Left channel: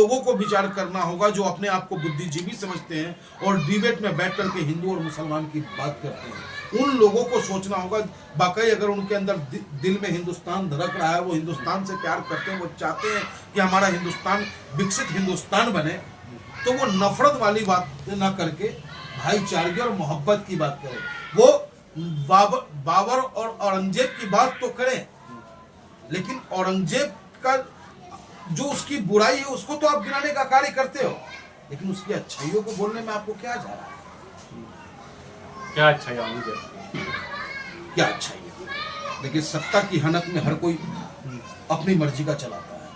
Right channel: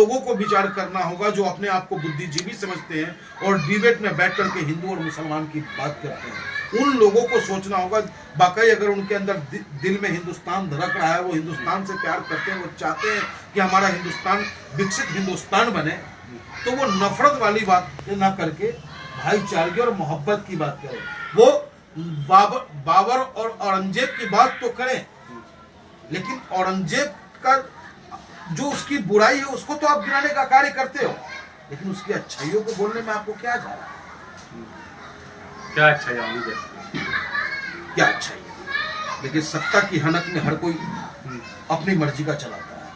लोगों को विचार करना होगा जो अपने आप को बुद्धिजीवी समझते हैं और डिबेट में बैठ करके हिंदू और मुसलमान की बात करते हैं। उन लोगों को सोचना होगा, वाकई अगर उनके अंदर दिल में हिंदुस्तान धड़क रहा है, वो हिंदुस्तान से प्यार करते हैं, वो चाहते हैं कि हमारा हिंदुस्तान विकसित हिंदुस्तान बने, तो वो नफरत वाली बात ना करके भाईचारे और मोहब्बत की बात करें। वो बाबर और औरंगजेब की बात तो करें, लेकिन औरंगजेब का जो उसकी बुराई है उसको तो आप गिनाने का कार्य करते हो, लेकिन उसकी अच्छाइयों को बोलने में आपको क्या जा रहा है? क्या अच्छाई है? क्या अच्छाई है? देखिए, सत्ता की हनक में हर कोई अपनी मर्जी का चलाता है।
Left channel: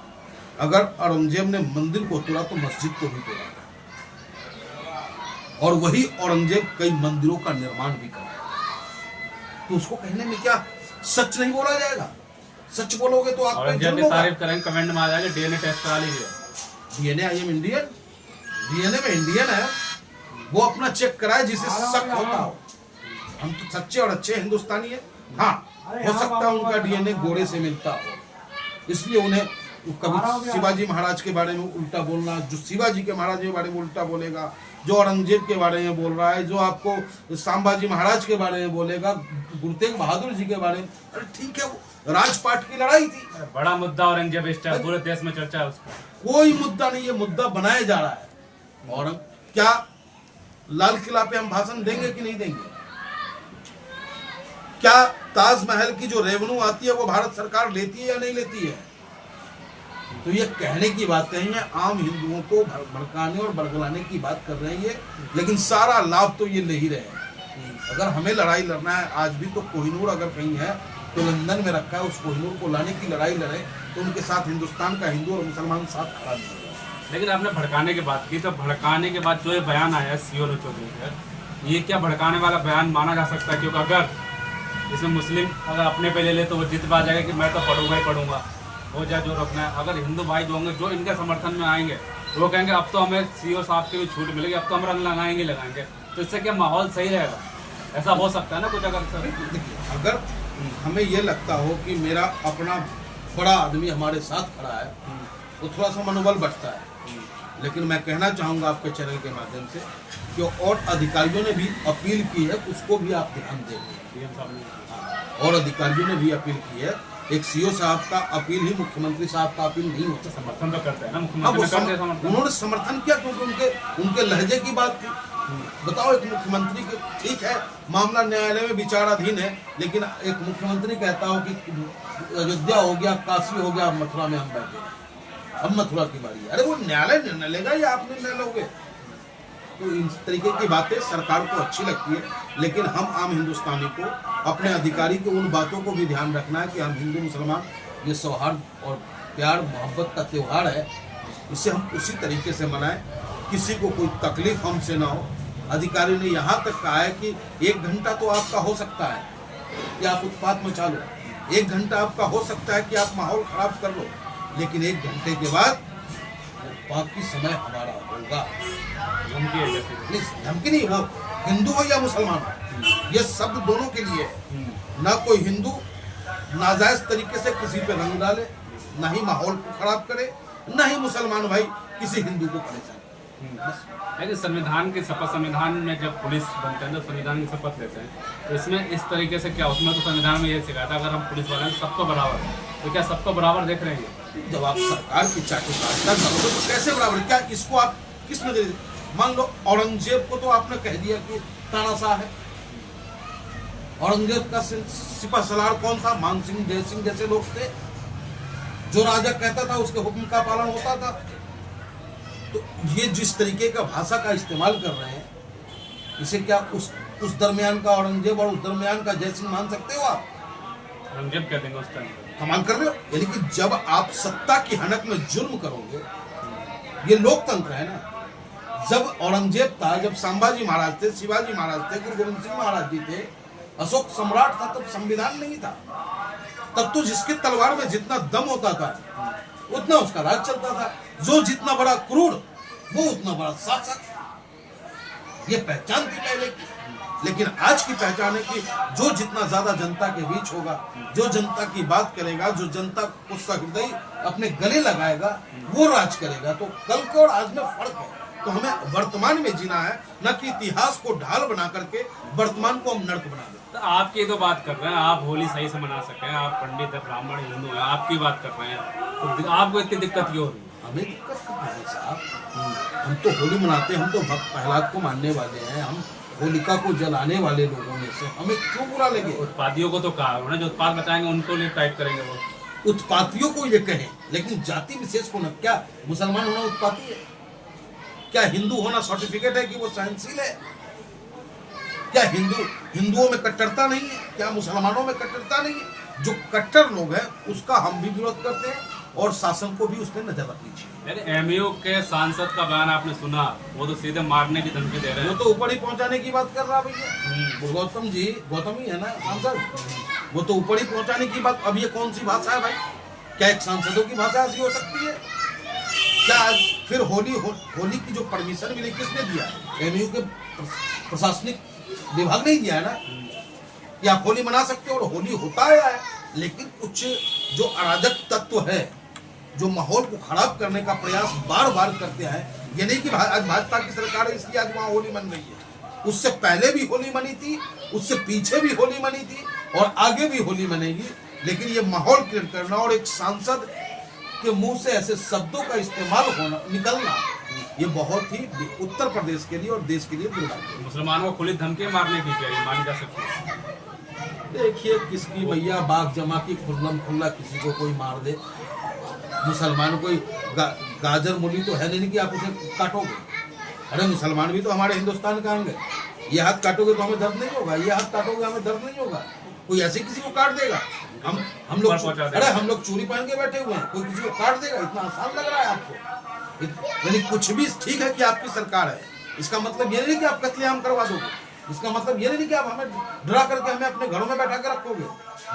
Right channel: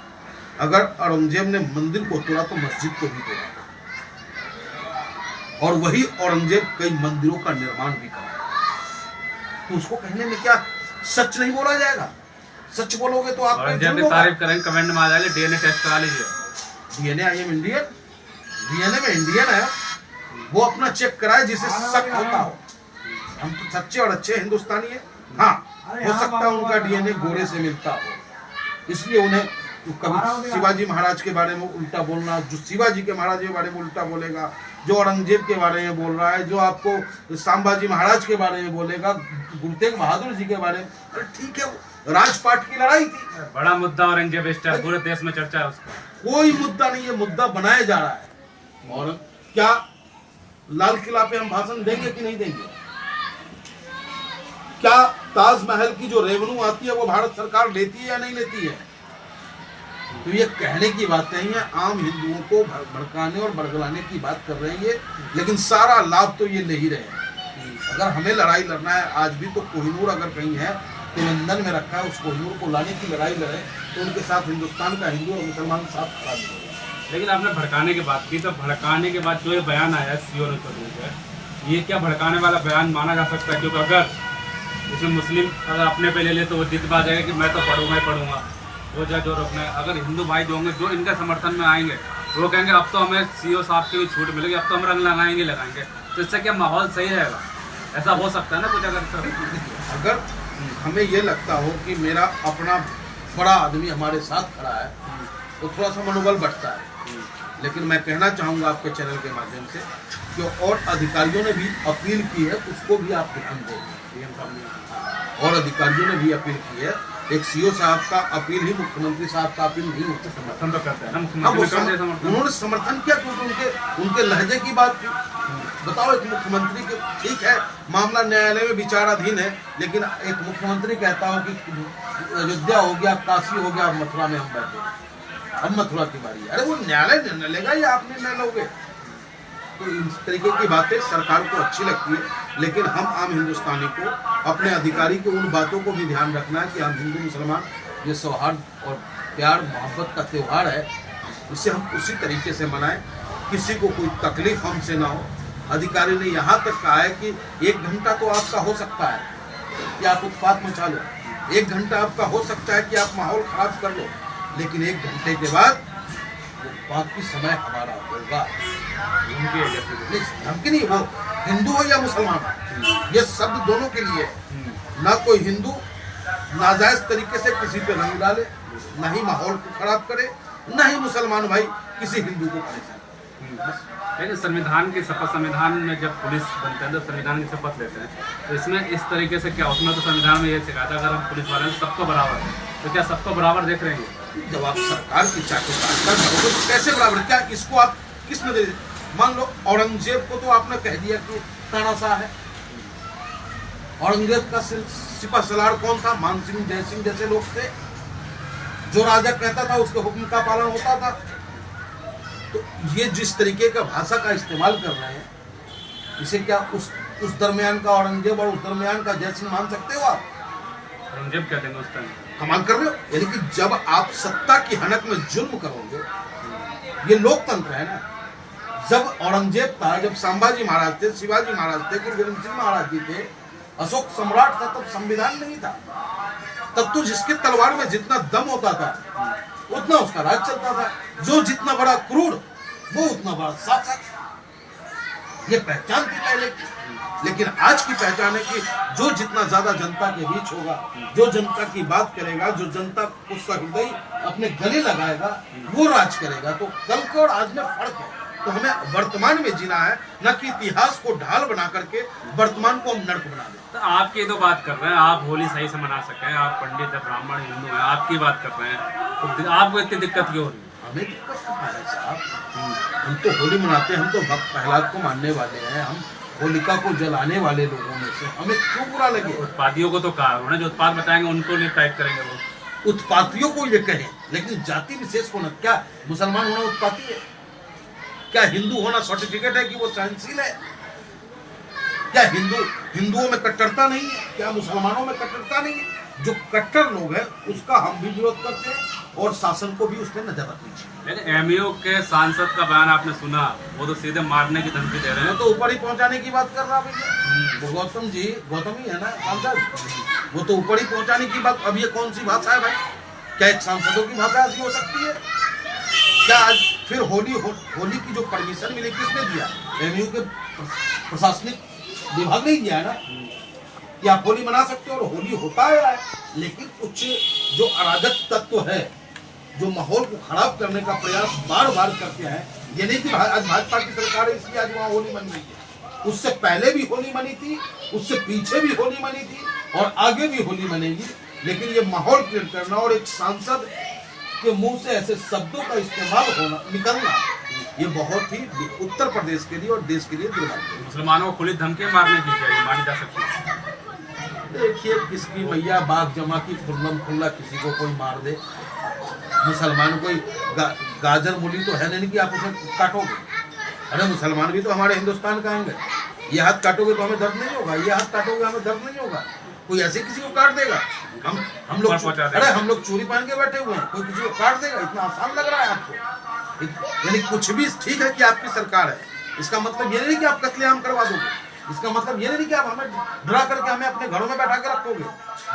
अगर औरंगजेब ने मंदिर को तोड़ा तो मस्जिद को भी तोड़ा, और वही औरंगजेब कई मंदिरों का निर्माण भी करा, तो उसको कहने में क्या सच नहीं बोला जाएगा? सच बोलोगे तो आप तारीफ करेंगे, कमेंट में आ जाएगा डीएनए टेस्ट करा लीजिए। DNA, I am Indian, DNA में इंडियन है, वो अपना चेक कराए जिसे शक होता हो। हम तो सच्चे और अच्छे हिंदुस्तानी हैं। हाँ, हो सकता है उनका डीएनए गोरे से मिलता हो, इसलिए उन्हें कभी शिवाजी महाराज के बारे में उल्टा बोलना, जो शिवाजी के महाराज के बारे में उल्टा बोलेगा, जो औरंगजेब के बारे में बोल रहा है, जो आपको संभाजी महाराज के बारे में बोलेगा, गुरु तेग बहादुर जी के बारे में, अरे ठीक है, वो राजपाट की लड़ाई थी, बड़ा मुद्दा औरंगजेब इस टाइम पूरे देश में चर्चा है उसका। कोई मुद्दा नहीं है, मुद्दा बनाया जा रहा है। और क्या लाल किला पे हम भाषण देंगे कि नहीं देंगे? क्या ताजमहल की जो रेवेन्यू आती है वो भारत सरकार लेती है या नहीं लेती है? तो ये कहने की बात नहीं है, आम हिंदुओं को भड़काने और बड़गलाने की बात कर रहे हैं ये, लेकिन सारा लाभ तो ये ले ही रहे हैं। अगर हमें लड़ाई लड़ना है आज भी, तो कोहिनूर अगर कहीं है तो लंदन में रखा है, उस कोहिनूर को लाने की लड़ाई लड़े, तो उनके साथ हिंदुस्तान का हिंदू और मुसलमान साथ खड़ा नहीं होगा। लेकिन आपने भड़काने की बात की, तो भड़काने के बाद जो ये बयान आया सीओ चौधरी से, ये क्या भड़काने वाला बयान माना जा सकता है? क्योंकि अगर इसमें मुस्लिम अगर अपने पे ले ले तो वो जिद पा जाएगा कि मैं तो पढ़ूंगा ही पढ़ूंगा, हो जाए जो रोकना है। अगर हिंदू भाई जो होंगे, जो इनके समर्थन में आएंगे, वो कहेंगे अब तो हमें सीओ साहब की भी छूट मिलेगी, अब तो हम रंग लगाएंगे, तो इससे क्या माहौल सही रहेगा? ऐसा हो सकता है ना कुछ? अगर हमें ये लगता हो कि मेरा अपना बड़ा आदमी हमारे साथ खड़ा है, तो थोड़ा सा मनोबल बढ़ता है। लेकिन मैं कहना चाहूँगा आपके चैनल के माध्यम से कि और अधिकारियों ने भी अपील की है, उसको भी आप ध्यान देंगे। और अधिकारियों ने भी अपील की है, एक सीओ साहब का अपील ही मुख्यमंत्री साहब का अपील नहीं होता। समर्थन तो करते हैं ना मुख्यमंत्री, उन्होंने समर्थन किया क्योंकि उनके लहजे की बात थी। बताओ, एक मुख्यमंत्री के, ठीक है मामला न्यायालय में विचाराधीन है, लेकिन एक मुख्यमंत्री कहता हो कि अयोध्या हो गया, काशी हो गया, मथुरा में हम बैठे, अब मथुरा की बारी है। अरे वो न्यायालय निर्णय लेगा या आप निर्णय लोगे? तो इस तरीके की बातें सरकार को अच्छी लगती है, लेकिन हम आम हिंदुस्तानी को, अपने अधिकारी की उन बातों को भी ध्यान रखना है कि हम हिंदू मुसलमान, ये सौहार्द और प्यार मोहब्बत का त्यौहार है, इसे हम उसी तरीके से मनाएं, किसी को कोई तकलीफ हमसे ना हो। अधिकारी ने यहाँ तक कहा है कि 1 घंटा तो आपका हो सकता है कि आप उत्पात मचा लो, 1 घंटा आपका हो सकता है कि आप माहौल खराब कर लो, लेकिन 1 घंटे के बाद बाकी समय हमारा होगा। धमकी नहीं, वो हिंदू हो या मुसलमान, ये शब्द दोनों के लिए है। ना कोई हिंदू नाजायज तरीके से किसी पे रंग डाले, ना ही माहौल को खराब करे, ना ही मुसलमान भाई किसी हिंदू को परेशान करे। लेकिन संविधान की शपथ, संविधान में जब पुलिस बनते हैं तो संविधान की शपथ लेते हैं, तो इसमें इस तरीके से क्या, उसमें तो संविधान में ये सिखाया था अगर हम पुलिस वाले हैं सबको बराबर है, तो क्या सबको बराबर देख रहे हैं? जब आप सरकार की चाटुकारिता करोगे तो कैसे बराबर? क्या इसको आप किस नजरिए? मान लो औरंगजेब को तो आपने कह दिया कि तानाशाह है। औरंगजेब का सिपह सलार कौन था? मान सिंह, जय सिंह जैसे लोग थे। जो राजा कहता था उसके हुक्म का पालन होता था। तो ये जिस तरीके का भाषा का इस्तेमाल कर रहे हैं, इसे क्या उस दरमियान का औरंगजेब और उस दरमियान का जय सिंह मान सकते हो आप? औरंगजेब कह देंगे उस टाइम। कमाल कर रहे हो। यानी कि जब आप सत्ता की हनक में जुल्म करोगे, ये लोकतंत्र है ना। जब औरंगजेब था, जब संभाजी महाराज थे, शिवाजी महाराज थे, गुरु गोविंद सिंह महाराज जी थे, अशोक सम्राट था, तब संविधान नहीं था। तब तो जिसके तलवार में जितना दम होता था उतना उसका राज चलता था। जो जितना बड़ा क्रूर, वो उतना बड़ा शासक। ये पहचान थी पहले की। लेकिन आज की पहचान है कि जो जितना ज्यादा जनता के बीच होगा, जो जनता की बात करेगा, जो जनता उसका हृदय अपने गले लगाएगा, वो राज करेगा। तो कल के और आज में फर्क है। तो हमें वर्तमान में जीना है, न कि इतिहास को ढाल बना करके वर्तमान को हम नर्क बना दें। तो आपकी तो बात कर रहे हैं, आप होली सही से मना सकें, आप पंडित है, ब्राह्मण हिंदू हैं, आपकी बात कर रहे हैं, तो आपको इतनी दिक्कत क्यों हो रही है? हमें दिक्कत कहाँ है साहब? हम तो होली मनाते हैं, हम तो भक्त प्रहलाद को मानने वाले हैं, हम होलिका को जलाने वाले लोगों में से, हमें क्यों बुरा लगे? उत्पादियों को तो कहा उन्होंने, जो उत्पाद बताएंगे उनको लिए टाइप करेंगे वो। उत्पातियों को ये कहें, लेकिन जाति विशेष को न। क्या मुसलमान होना उत्पाती है? क्या हिंदू होना सर्टिफिकेट है कि वो सहनशील है? क्या हिंदुओं में कट्टरता नहीं है? क्या मुसलमानों में कट्टरता नहीं है? जो कट्टर लोग हैं उसका हम भी विरोध करते हैं और शासन को भी उसने नजर रखनी चाहिए। लेकिन एमयू के सांसद का बयान आपने सुना, वो तो सीधे मारने की धमकी दे रहे हैं। वो तो ऊपर ही पहुंचाने की बात कर रहा भैया। वो गौतम ही है ना सांसद, वो तो ऊपर ही पहुंचाने की बात। अब ये कौन सी भाषा है भाई? क्या एक सांसदों की भाषा ऐसी हो सकती है? क्या आज फिर होली की जो परमिशन मिली किसने दिया? एमयू के प्रशासनिक विभाग ने दिया है ना कि आप होली मना सकते हो, और होली होता है। लेकिन कुछ जो अराजक तत्व है, जो माहौल को खराब करने का प्रयास बार बार करते हैं, ये नहीं कि आज भाजपा की सरकार है इसलिए आज वहाँ होली मन रही है। उससे पहले भी होली मनी थी, उससे पीछे भी होली मनी थी, और आगे भी होली मनेगी। लेकिन ये माहौल क्रिएट करना और एक सांसद के मुंह से ऐसे शब्दों का इस्तेमाल निकलना, ये बहुत ही उत्तर प्रदेश के लिए और देश के लिए दुर्भाग्य। मुसलमानों को खुली धमकी मारने की क्या मानी जा सकती है? देखिए, किसकी भैया बाग जमा की खुल्लम खुल्ला किसी को कोई मार दे। मुसलमान कोई गाजर मूली तो है नहीं कि आप उसे काटोगे। अरे मुसलमान भी तो हमारे हिंदुस्तान का आएंगे। ये हाथ काटोगे तो हमें दर्द नहीं होगा, ये हाथ काटोगे हमें दर्द नहीं होगा। कोई ऐसे किसी को काट देगा? हम लोग चूड़ी पहन के बैठे हुए हैं, कोई किसी को काट देगा? इतना आसान लग रहा है आपको? यानी कुछ भी ठीक है कि आपकी सरकार है, इसका मतलब ये नहीं कि आप कत्लेआम करवा दोगे, इसका मतलब ये नहीं कि आप हमें डरा करके हमें अपने घरों में बैठा कर रखोगे।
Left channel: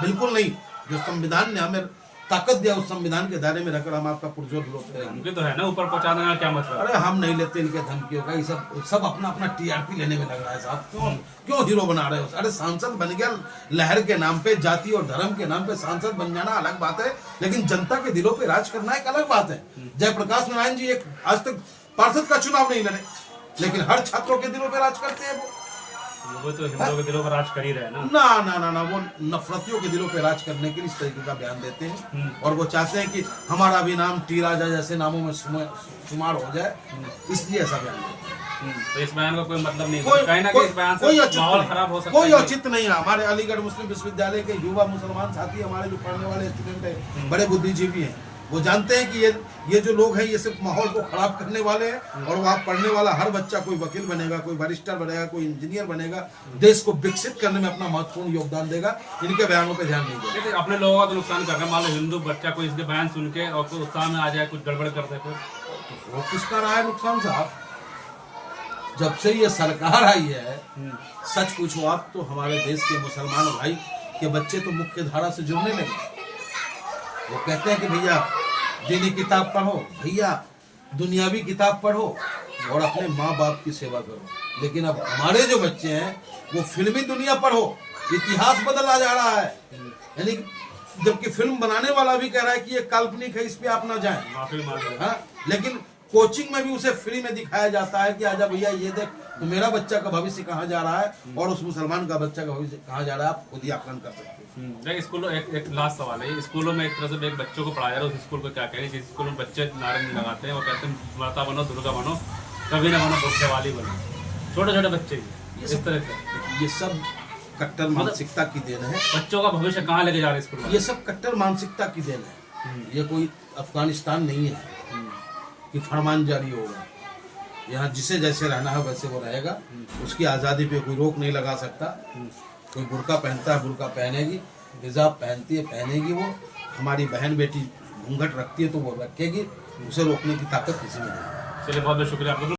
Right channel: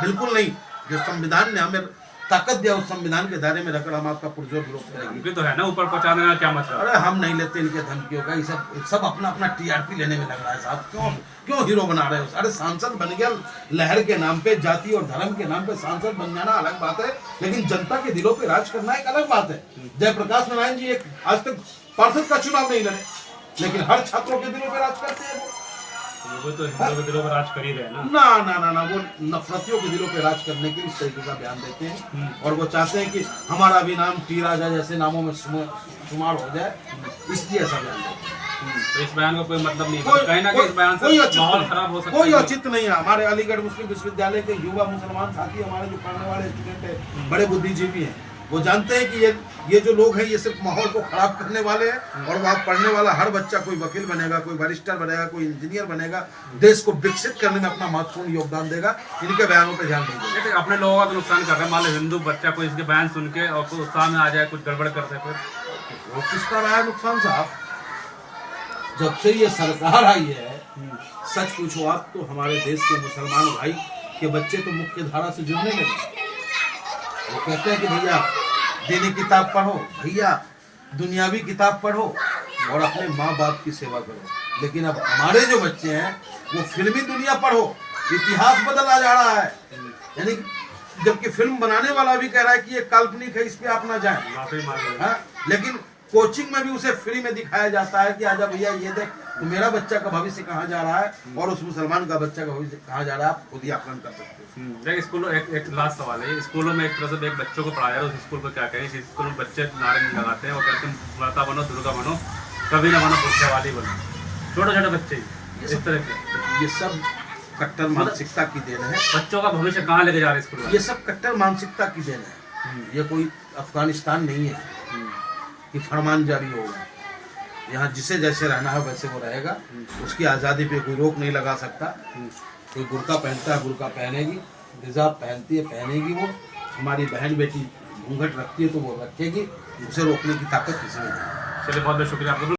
बिल्कुल नहीं। जो संविधान ने हमें ताकत दिया, उस संविधान के दायरे में रहकर हम आपका पुरजोर विरोध करेंगे। धमकी तो है ना, ऊपर पहुंचाने का क्या मतलब? अरे हम नहीं लेते इनके धमकियों का। ये सब अपना अपना टीआरपी लेने में लग रहा है साहब। क्यों हीरो बना रहे हो? अरे सांसद बन गया, लहर के नाम पे, जाति और धर्म के नाम पे सांसद बन जाना अलग बात है, लेकिन जनता के दिलों पे राज करना एक अलग बात है। जयप्रकाश नारायण जी एक आज तक पार्षद का चुनाव नहीं लड़े, लेकिन हर छात्रों के दिलों पे राज करते हैं। वो तो हिंदुओं के दिलों पर राज कर ही रहे हैं ना, वो नफरतियों के दिलों पे राज करने के लिए इस तरीके का बयान देते हैं, और वो चाहते हैं कि हमारा भी नाम टी राजा जैसे नामों में शुमार हो जाए, इसलिए ऐसा बयान देते हैं। तो इस बयान का कोई मतलब नहीं है, कहीं ना कहीं इस बयान से माहौल खराब हो सकता है। कोई औचित्य नहीं है। हमारे अलीगढ़ मुस्लिम विश्वविद्यालय के युवा मुसलमान साथी, हमारे जो पढ़ने वाले स्टूडेंट है, बड़े बुद्धिजीवी हैं, वो जानते हैं कि ये जो लोग हैं ये सिर्फ माहौल को खराब करने वाले हैं, और वहाँ पढ़ने वाला हर बच्चा कोई वकील बनेगा, कोई बैरिस्टर बनेगा, कोई इंजीनियर बनेगा, देश को विकसित करने में अपना महत्वपूर्ण योगदान देगा। इनके बयानों पर ध्यान नहीं देगा। अपने लोगों का तो नुकसान कर रहे हैं। मान लो हिंदू बच्चा कोई इसके बयान सुन के और कोई उत्साह में आ जाए, कुछ गड़बड़ कर दे, वो किसका रहा है नुकसान साहब? जब से ये सरकार आई है, सच पूछो आप तो हमारे देश के मुसलमान भाई के बच्चे तो मुख्य धारा से जुड़ने लगे। वो कहते हैं कि भैया दीनी किताब पढ़ो, भैया दुनियावी किताब पढ़ो, और अपने माँ बाप की सेवा करो। लेकिन अब हमारे जो बच्चे हैं वो फिल्मी दुनिया पढ़ो, इतिहास बदला जा रहा है। यानी जबकि फिल्म बनाने वाला भी कह रहा है कि ये काल्पनिक है, इस पे आप ना जाएं, माफी मांग। हाँ, लेकिन कोचिंग में भी उसे फ्री में दिखाया जाता है कि आजा भैया ये देख, तो मेरा बच्चा का भविष्य कहाँ जा रहा है और उस मुसलमान का बच्चा का भविष्य कहाँ जा रहा है, आप खुद ही आकलन कर सकते हैं। स्कूलों एक लास्ट सवाल है, स्कूलों में एक तरह से एक बच्चों को पढ़ाया जा रहा है, उस स्कूल को क्या कहें? जिस स्कूल में बच्चे नारे नहीं लगाते हैं, वो कहते हैं माता बनो, दुर्गा बनो, कभी ना बनो बुरखेवाली बनो, छोटे छोटे बच्चे इस तरह के। ये सब कट्टर मानसिकता की देन है। बच्चों का भविष्य कहाँ लेके जा रहे हैं स्कूल? ये सब कट्टर मानसिकता की देन है। ये कोई अफगानिस्तान नहीं है कि फरमान जारी होगा। यहाँ जिसे जैसे रहना है वैसे वो रहेगा, उसकी आज़ादी पे कोई रोक नहीं लगा सकता। कोई बुर्का पहनता है, बुर्का पहनेगी, हिजाब पहनती है, पहनेगी। वो हमारी बहन बेटी घूंघट रखती है तो वो रखेगी, उसे रोकने की ताकत किसी में नहीं है। चलिए, बहुत बहुत शुक्रिया आपका।